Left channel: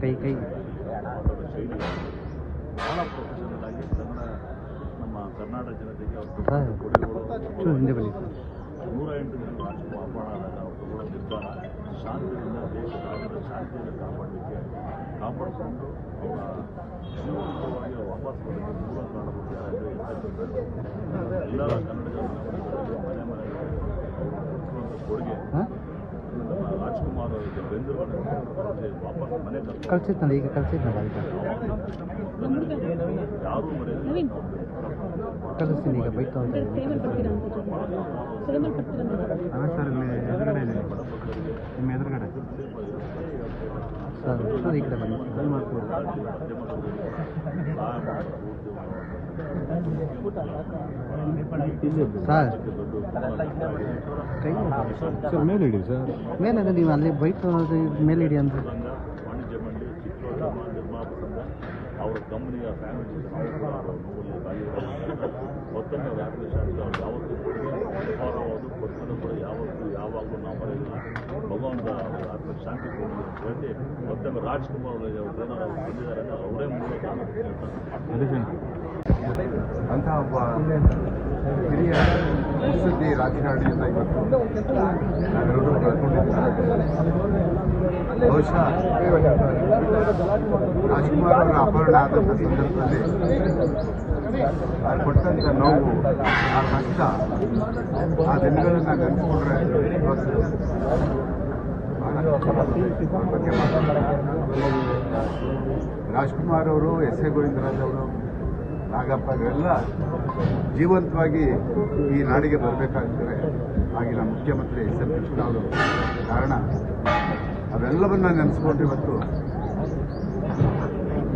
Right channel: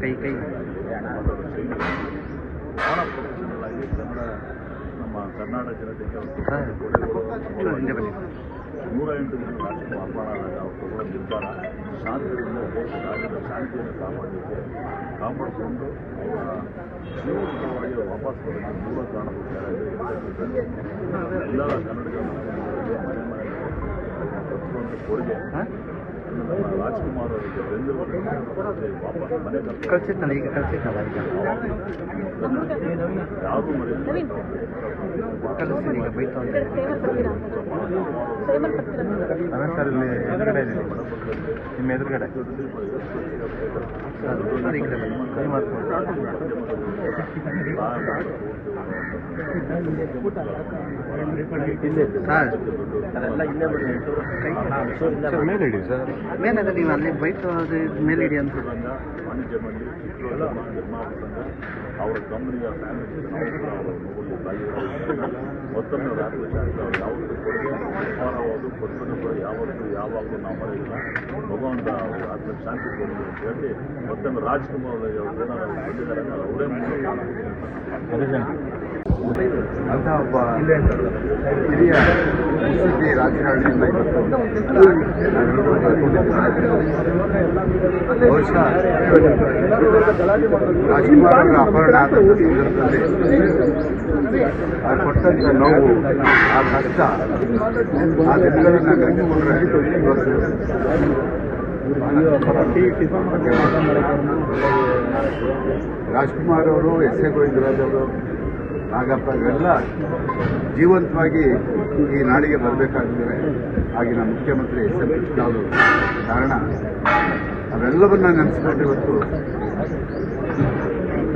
ಕೈ ಬಹಳ ಪ್ರೊಫೆಷನಲ್ ಆಗಿ ಕನ್ನಡ ನಮ್ಮ ಕರ್ನಾಟಕ ಜನತೆಗೆ ಅವ್ರ ಕೊಡುಗೆಗಳು ಹಿಂದೆ ಬನ್ನಿ. 108 ಜನ ರಾಜ್ಕುಮಾರ್ ಮಾಡಾದಾಗ ಅವ್ರು ತಗೊಳ್ಳೋ ನಿರ್ಧಾರ ಶಾಂತಿಯಿಂದ ದೇಶ ರಾಜ್ಯದ ಶಾಂತಿಯನ್ನು ಕಾಪಾಡಿಕೊಂಡು ಅವರ ಜೀವಂತವಾಗಿ ವಾಪಸ್ ಬರೋಕ್ಕೆ ಮೂಲ ಕಾರಣಗಳು ಯಾರಾದರೆ ಎಲ್ಲ ಕನ್ನಡಿಗರ ಮನೆ ಮನೆಯಲ್ಲಿ ಅವರು ಕೊಟ್ಟಿರುವಂಥ ಕೊಡುಗೆ ನಮ್ಮ ರಾಜ್ಕುಮಾರ್ ಅವರಿಗೆ ಬೆಂಗಳೂರಲ್ಲಿ ವಾಪಸ್ ಮನೆ ಕಳಿಸಿದ್ನಲ್ಲ ಈಗ ಕಳಿಸಿದ್ನಲ್ಲ ಈಗ ಯಾರೂ ಮರೆಯಲ್ಲ ಕಳಿಸ್ತೀನಿ ಈಗ ಬೈತು ಅಂತ ಸರ್ ಇಲ್ಲಿ ಎದುರುಗಡೆ ಇದ್ದೀನಿ ನಿಮ್ಮ ಎದುರುಗಡೆ ಸರ್ ಈ ಕಡೆ ಕೈ ಮಾಡ್ಕೊಂಡು ಸರ್ ಮೇಲೆ ಇಡಿ ಸರ್ ಮೇಲೆ ನೀವು ಅಲ್ಲಿ ಬೈತು ಮೇಲೆ ಇಡಿ ಅಂತ ವಾಣಿಜ್ಯ ಮಂಡಳಿ ಚಿತ್ರೋದ್ಯಮ ನಿರ್ಮಾಪಕ ಸಂಘ ಅವರ ಕಂಪನಿಯ ಫ್ಯಾಮಿಲಿ ನಾವು ಕೂಡ ಅವರು ನೋವಲ್ಲಿ ಭಾಗಿಯಾಗಿದ್ದಾರೆ. ಮತ್ತೊಮ್ಮೆ ರಾಜ್ಯ ಶಾಂತಿ ಅವರು ಯಾವತ್ತೂ ಕೊಡುಗೆ ನಿರ್ಮಾಣವಾಗೋದು ಕೊಡುಗೆ ಕೂಡ ಯಾವಾಗಲೂ ನಾವು ಮರೆಯಿಲ್ಲ. ಭಗವಂತ ಅವರ ಆತ್ಮಕ್ಕೆ ಶಾಂತಿ ಕೊಡಲಿ ಅಂತ ಹೇಳಿ ಮತ್ತೊಮ್ಮೆ ರಾಜ್ಕುಮಾರ್ ಅವರಿಗೆ ಅವ್ರು ಏನಾದ್ರು ಬಂದಿದ್ದಾರೆ ಅವರೇ ಮೂಲ ಕಾರಣ ಅಂತ ಒಬ್ಬ ಹಿರಿಯ ಮುತ್ಸದ್ದಿ ರಾಜಕಾರಣಿಯಿಂದ ಇವತ್ತು ನಾವೆಲ್ಲರೂ ಕಳ್ಕೊಂಡಿದ್ದೀವಿ. ಬಹುಶಃ ರಾಜ್ಕುಮಾರ್ ಅವರ ಅಪಹರಣ ಆದಂಥ ಸಂದರ್ಭದಲ್ಲಿ ಅವ್ರು ಕೊಟ್ಟಂಥ ನೋವು, ಆ ಕಷ್ಟ, ಆ ದಿನಗಳನ್ನು ನೆನೆಸಿಕೊಂಡ್ರೆ ಇವತ್ತು ರಾಜ್ಕುಮಾರ್ ಅವರು ಎಸ್ ಎ ಗೋವಿಂದರಾಜ್ ಅವರು ನಾಗಪ್ಪ ಇವೆಲ್ಲ ಜೀವಂತವಾಗಿ ಈ ನಾಡಿಗೆ ಬರಬೇಕಾಗಿದ್ರೆ ಆಗಿನ ಮುಖ್ಯಮಂತ್ರಿ ಎಸ್ ಎಂ ಕೃಷ್ಣ ಅವರು ಕಾರಣ. ಅವೆಲ್ಲವನ್ನ ನೆನೆಸ್ಕೊಂಡು ಇವತ್ತು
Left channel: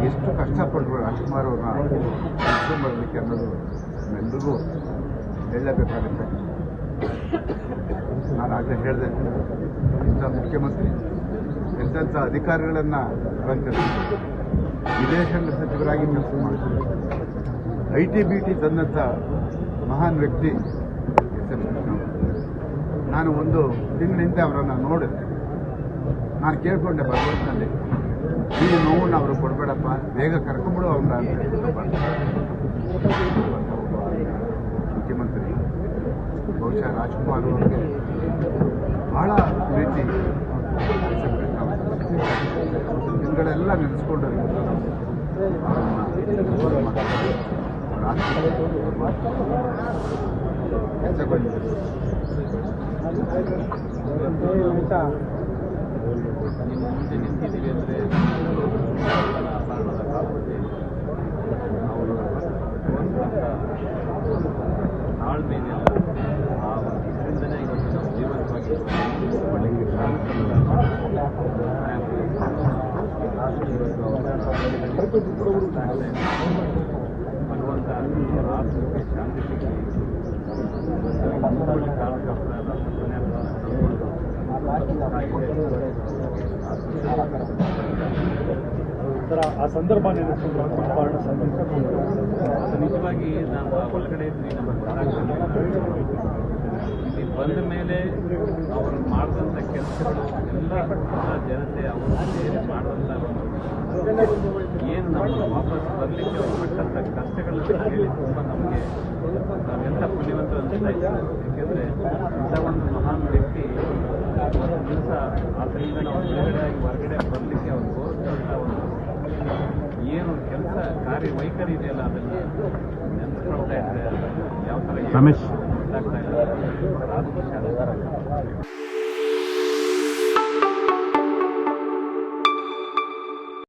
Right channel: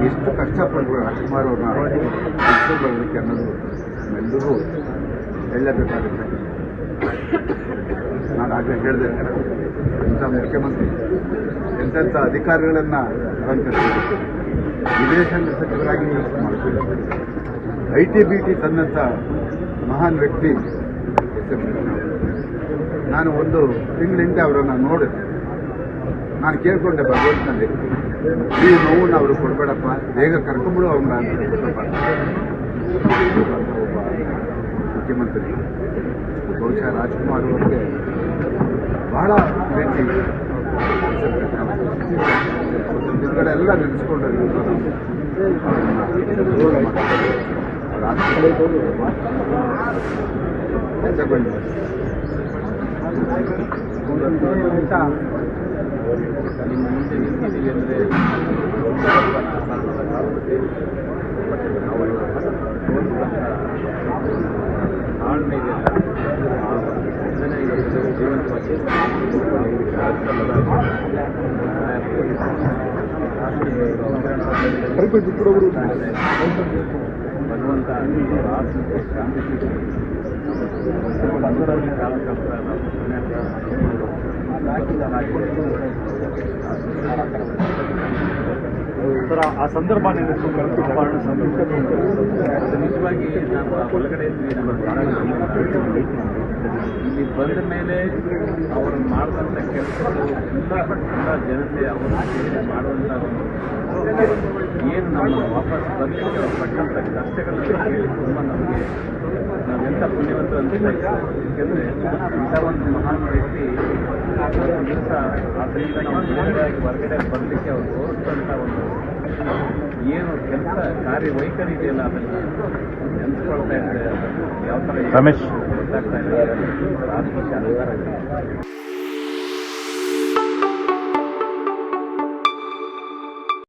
ಎಷ್ಟು ಕಷ್ಟಪಟ್ಟು ರಾಜ್ಕುಮಾರ್ ಅವ್ರನ್ನ ಬರಲಿಕ್ಕೆ ಅನ್ನೋದು ನಮ್ಮೆಲ್ಲರೂ ಹೇಳಲೇಬೇಕಾಗುತ್ತೆ. ನಾನು ಆಗಲೇ ಹೇಳಿದೆ, ಇಂಥ ಮುಖ್ಯಮಂತ್ರಿ ಎಂತೆಂಥ ಅಧಿಕಾರಿಗಳನ್ನು ಅಲಂಕರಿಸಿದರು. ವಿದೇಶಾಂಗ ಸಚಿವರಾಗಿ ನಿಯೋಗ ಮಾಡಿದ್ರು. ITBT ತಂದಂಥ ಮಹಾನ್ ವ್ಯಕ್ತಿ ಎಸ್ ಎಂ ಕೃಷ್ಣ ಅವರು. ನಾನು ಒಂದು ತಿಂಗಳಿಂದ ಅವರನ್ನು ನೋಡಿದೆ. ನಾನು ಕೇಳಿಕೊಂಡೆ ಭಗವಂತನಲ್ಲಿ, ಈ ನೋವನ್ನು ಅವರು ಕೊಡಬೇಡಪ್ಪ, ಬೇಗ ಕರ್ಕೊಂಬಿಡು ಅವ್ರನ್ನ ಒಬ್ಬ ಮುಖ್ಯಮಂತ್ರಿ. ಬಹುಶಃ ರಾಜ್ಕುಮಾರ್ ಅವರಿಗೆ ಬಹಳ ಪ್ರೀತಿ ಎಸ್ ಎಂ ಕೃಷ್ಣ ಹಿಂದ್ಗಡೆ ಎಲ್ಲ ನೆನೆಸ್ಕೊಂಡು ಇವತ್ತು ನಾವು ಅವರನ್ನು ಗೌರವ ಮಾಡ್ತೀವಿ. ಅವರ ಹೆಚ್ಚಗೊಂಡು ನಿಮ್ಮ ಮುಂದೆ ನಿಂತಿದ್ದೀವಿ ಅಂದರೆ ಅಪಹರಣದ ಕಾಲದಲ್ಲಿ ನಾವು ತೋರಿಸಿದಂಥ ತಾಳ್ಮೆಗೆ ಅದನ್ನೇ ಇವತ್ತು ಜೀವಂತವಾಗಿ ಭಗವಂತ ಆತ್ಮಕ್ಕೆ ಶಾಂತಿ ಸಿಗಲಿ. ಆ ಸಂದರ್ಭ ಅದು ನಿಜವಾಗಿ ನಾವು ಒಳಗಡೆ ಇದ್ವಿ. ನಮ್ಮ ಇಲ್ಲಿ ಬಂದ ಮೇಲೆ ಅವರು ಮಾಡಿದಂಥ ಕೆಲಸಗಳು ಎಲ್ಲ ಜನತೆ ಅವರು ಮಾಡುವಂಥ ಏನು ನಮ್ಮ ವಾಪಸ್ ಬರಲಿಕ್ಕೆ ಅವ್ರು ಪಟ್ಟಂಥ ಕಷ್ಟಗಳನ್ನು ಕೇಳಿ ತುಂಬ ನಮಗೆ ನಾವೆಂಥ ಪುಣ್ಯವಂತ ಅನಿಸ್ತಾ ಇತ್ತು. ಏಕೆಂದರೆ ಇಂಥ ಒಂದು ಮಹಾನ್ ವ್ಯಕ್ತಿ ಒಂದು ದಿವಸ ಅದರಿಂದ ನಾವು ಬೇರೆಯಾಗಿ ಹೊರಗಡೆ ಬರಲಿಕ್ಕೆ ಅವ್ರು ತೋರಿಸ್ತಂಥ ಒಂದು ಏನು ಕೆಲಸ ಕಾರ್ಯವೈಖರಿ ಇದೆಯಲ್ಲ ಅದನ್ನು ನೆನೆಸ್ಕೊಳ್ತಾ ಇದ್ದರೆ ಯಾವ ಥರ ಗೊತ್ತಾಗ್ತಾ ಇದೆ. ಆತ್ಮಶಾಂತಿ